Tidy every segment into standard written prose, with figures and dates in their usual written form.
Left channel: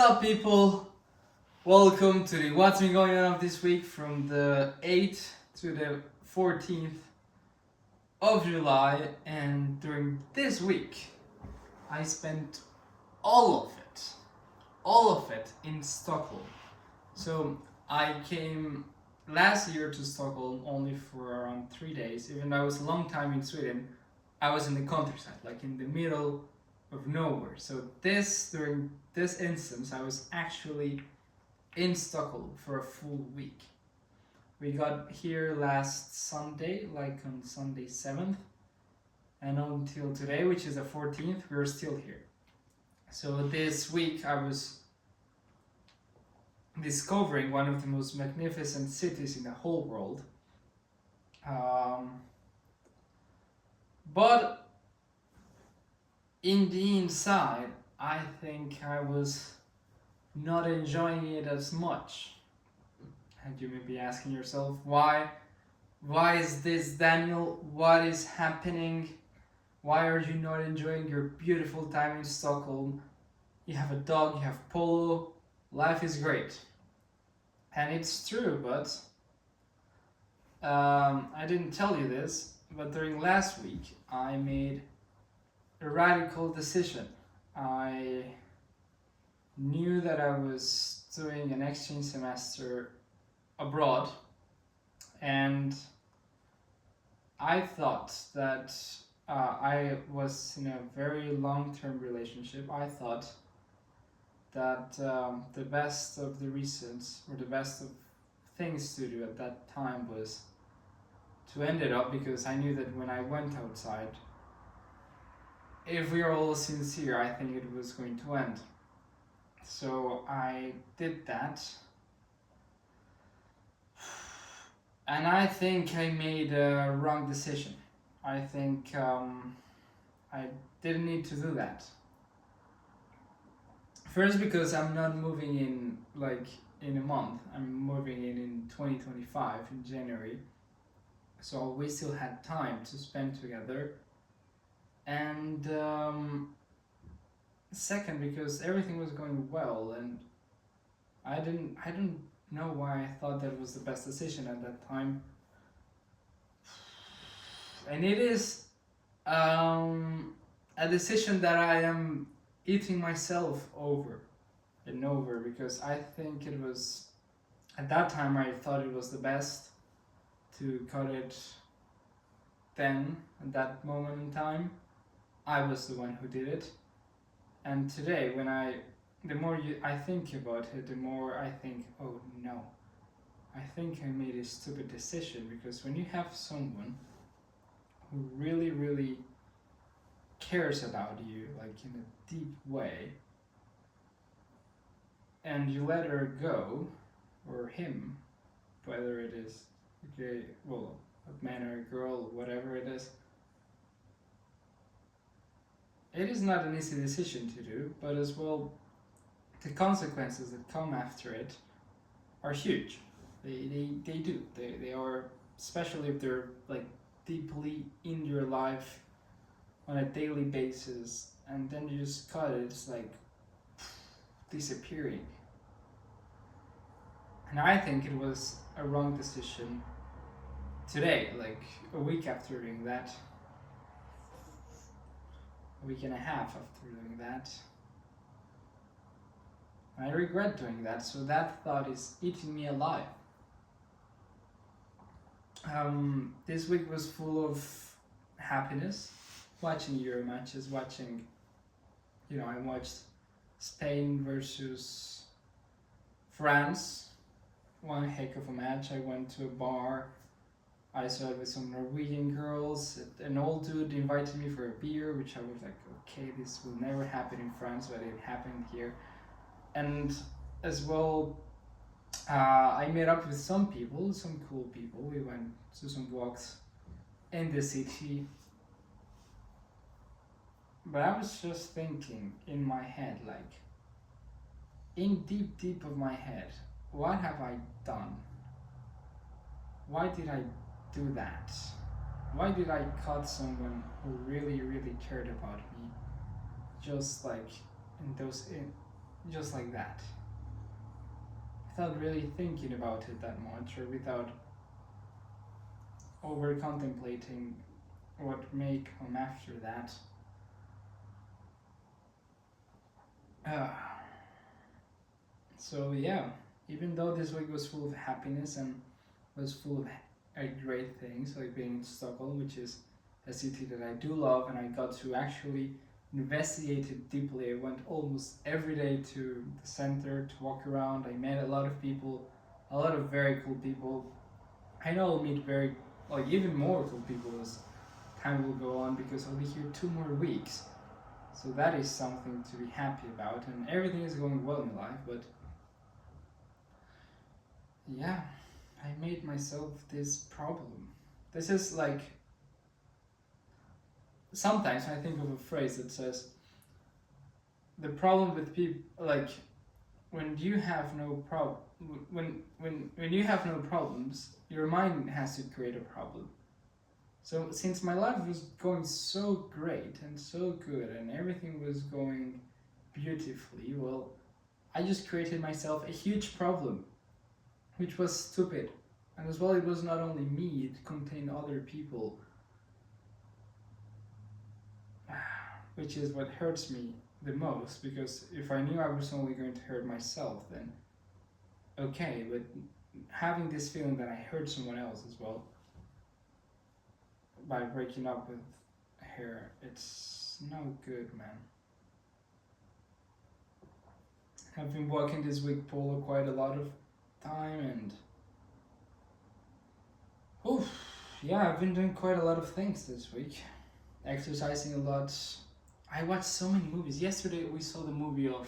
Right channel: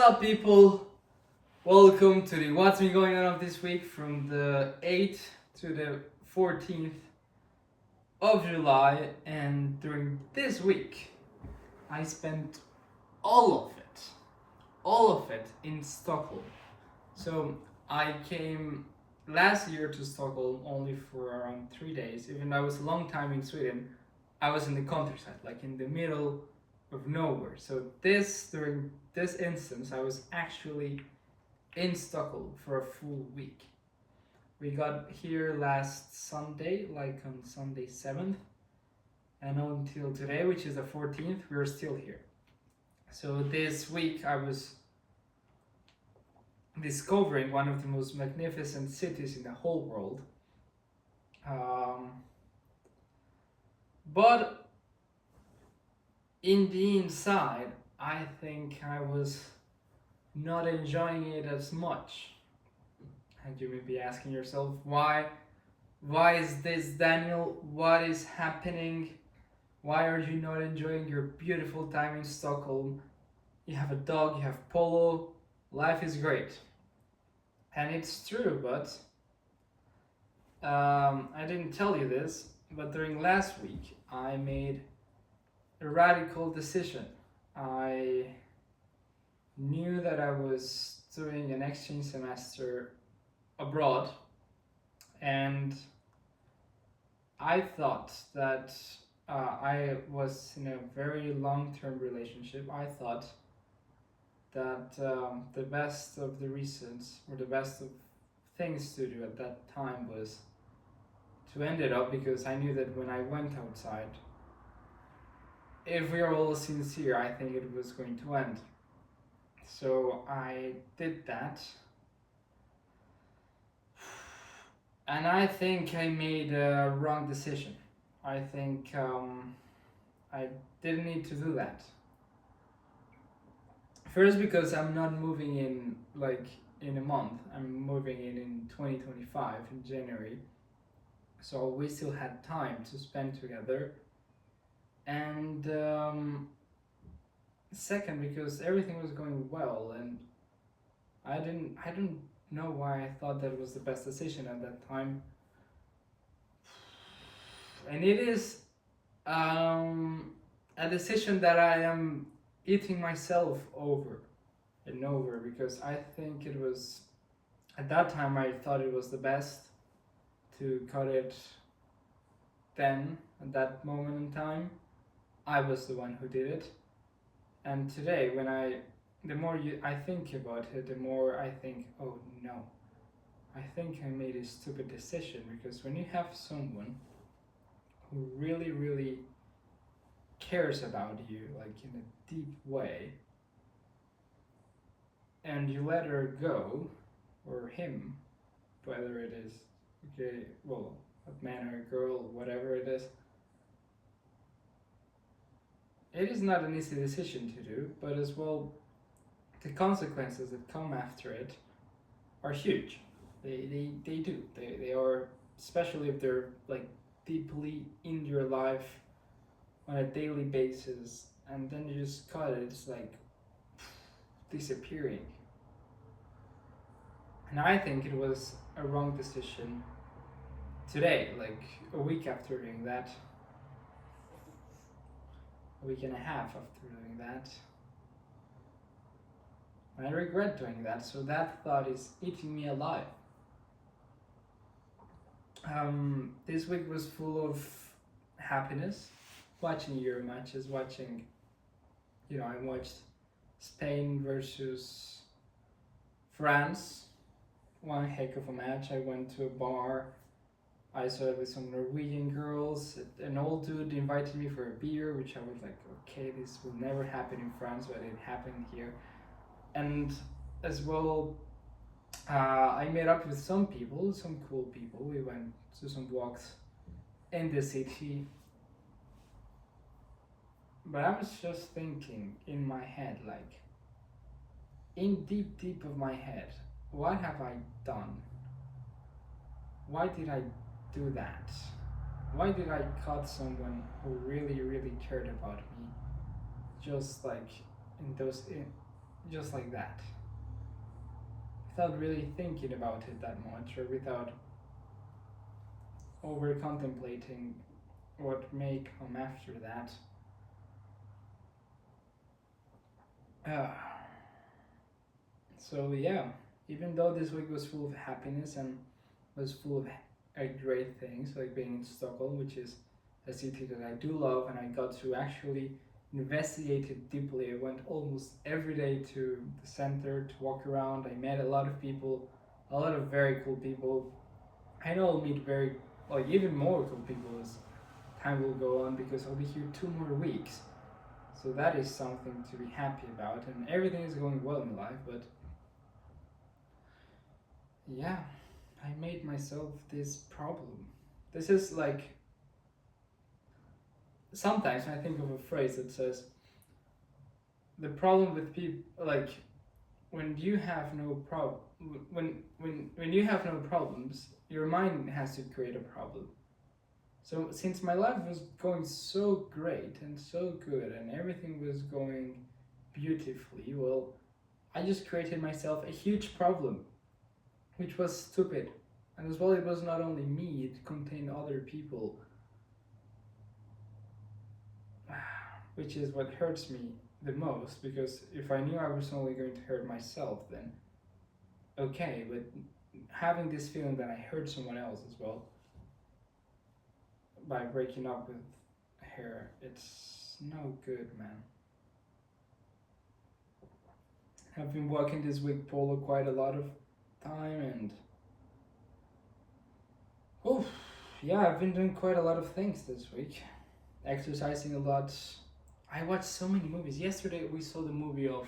up, people? Welcome to the What's Been Going On of this week from the 8th to the 14th of July. And during this week, I spent all of it in Stockholm. So I came last year to Stockholm only for around 3 days. Even though I was a long time in Sweden, I was in the countryside, like in the middle of nowhere. So during this instance, I was actually in Stockholm for a full week. We got here last Sunday, like on Sunday 7th, and until today, which is the 14th, we're still here. So this week I was discovering one of the most magnificent cities in the whole world. But in the inside, I think I was not enjoying it as much. And you may be asking yourself, why is this, Daniel? What is happening? Why are you not enjoying your beautiful time in Stockholm? You have a dog, you have Polo, life is great. And it's true, but I didn't tell you this, but during last week I made a radical decision. I knew that I was doing an exchange semester abroad, and I thought that I was in a very long-term relationship. I thought that the best of the reasons, or the best of things to do at that time, was to end it up, because I knew that when I went outside, if we are all sincere, I think it was going to end. So I did that, and I think I made a wrong decision. I think I didn't need to do that. First, because I'm not moving in like in a month. I'm moving in 2025 in January, so we still had time to spend together. And second, because everything was going well, and I don't know why I thought that was the best decision at that time. And it is a decision that I am eating myself over and over, because I think it was, at that time I thought it was the best to cut it then, at that moment in time. I was the one who did it. And today, the more I think about it, the more I think, oh no, I think I made a stupid decision. Because when you have someone who really, really cares about you, like in a deep way, and you let her go, or him, whether it is okay, well, a man or a girl, whatever it is not an easy decision to do, but as well, the consequences that come after it are huge. They are, especially if they're like deeply in your life on a daily basis, and then you just cut it, it's like disappearing. And I think it was a wrong decision today, like a week after doing that, a week and a half after doing that. And I regret doing that, so that thought is eating me alive. This week was full of happiness, watching Euro matches, I watched Spain versus France, one heck of a match. I went to a bar, I saw it with some Norwegian girls. An old dude invited me for a beer, which I was like, okay, this will never happen in France, but it happened here. And as well, I met up with some people, some cool people. We went to some walks in the city. But I was just thinking in my head, like, in deep of my head, what have I done? Why did I do that? Why did I cut someone who really, really cared about me, just like just like that, without really thinking about it that much, or without over contemplating what may come after that. Uh, so yeah, even though this week was full of happiness and was full of great things, like being in Stockholm, which is a city that I do love, and I got to actually investigate it deeply. I went almost every day to the center to walk around. I met a lot of people, a lot of very cool people. I know I'll meet even more cool people as time will go on, because I'll be here 2 more weeks. So that is something to be happy about, and everything is going well in life. But yeah, I made myself this problem. This is like, sometimes I think of a phrase that says, the problem with people, like, when you have no problem, when you have no problems, your mind has to create a problem. So since my life was going so great and so good and everything was going beautifully, well, I just created myself a huge problem, which was stupid. And as well, it was not only me, it contained other people, which is what hurts me the most, because if I knew I was only going to hurt myself, then okay, but having this feeling that I hurt someone else as well by breaking up with her, it's no good, man. I've been walking this week polo quite a lot of time, and yeah, I've been doing quite a lot of things this week. Exercising a lot. I watched so many movies. Yesterday we saw the movie of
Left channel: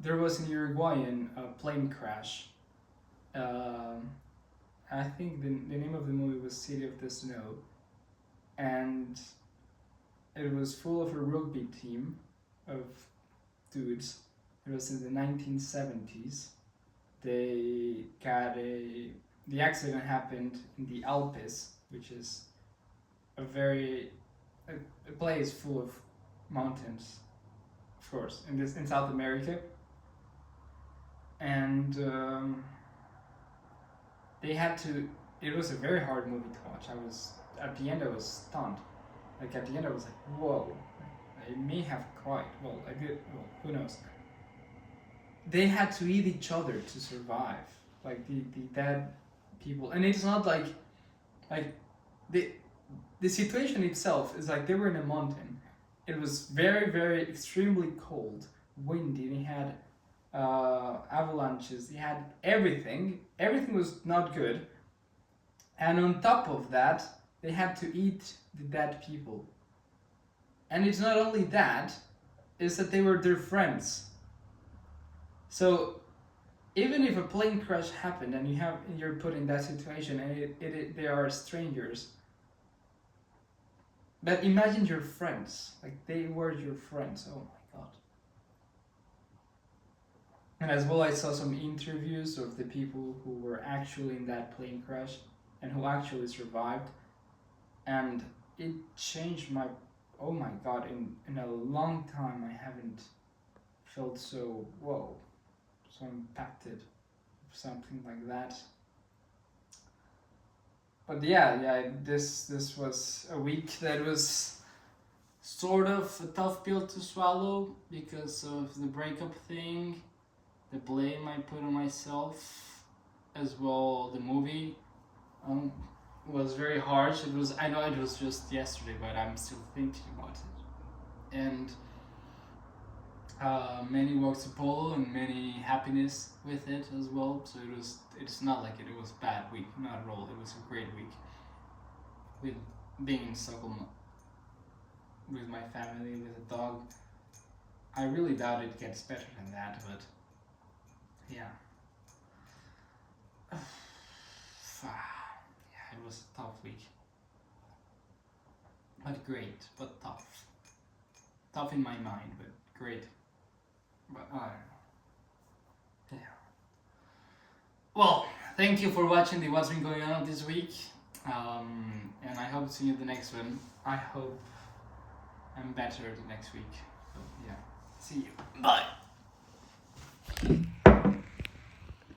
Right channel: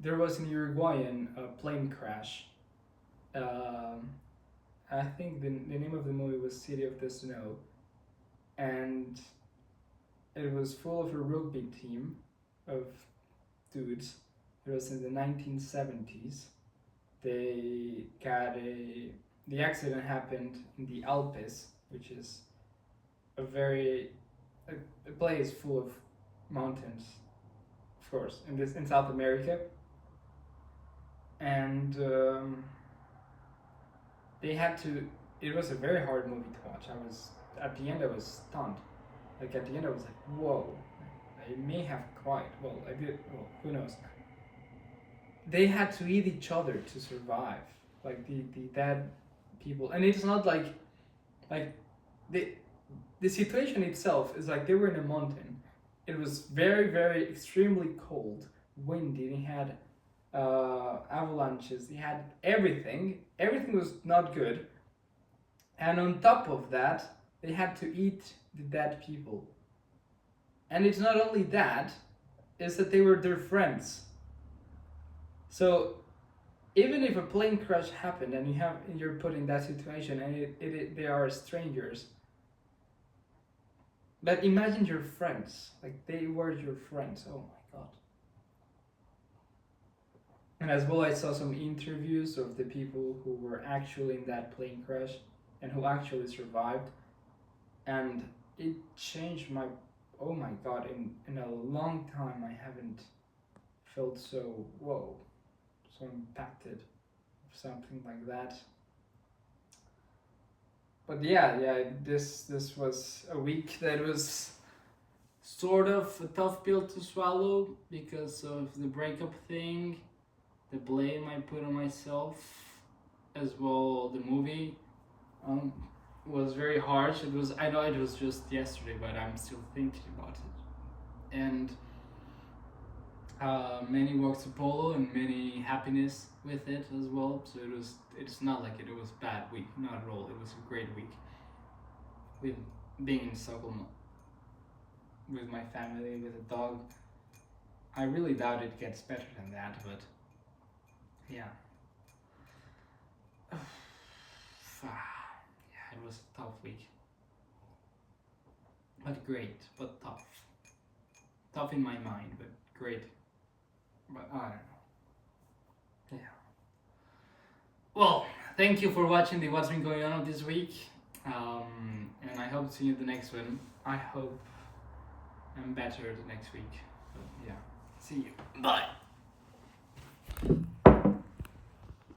there was an Uruguayan plane crash. I think the name of the movie was City of the Snow, and it was full of a rugby team of dudes. It was in the 1970s. The accident happened in the Alpes, which is a place full of mountains, of course, in South America. And they had to. It was a very hard movie to watch. At the end I was stunned. Like at the end I was like, whoa. I may have cried. Well, I did. Well, who knows? They had to eat each other to survive. Like the dead people, and it's not like the situation itself is like they were in a mountain. It was very, very extremely cold, windy. They had avalanches. They had everything. Everything was not good. And on top of that, they had to eat the dead people. And it's not only that; it's that they were their friends. So even if a plane crash happened and you're put in that situation and they are strangers, but imagine your friends, like they were your friends. Oh my god. And as well, I saw some interviews of the people who were actually in that plane crash and who actually survived, and it changed my, oh my god, in a long time I haven't felt so impacted, something like that. But yeah, this was a week that was sort of a tough pill to swallow because of the breakup thing, the blame I put on myself, as well the movie was very harsh. I know it was just yesterday, but I'm still thinking about it. And many walks to polo and many happiness with it as well. So it's not like it was a bad week, not at all. It was a great week with being in Stockholm with my family, with a dog. I really doubt it gets better than that, but yeah. Yeah, it was a tough week. But great, but tough. Tough in my mind, but great. But I don't know. Yeah. Well, thank you for watching the What's Been Going On this week. And I hope to see you in the next one. I hope and better the next week. So yeah, see you. Bye.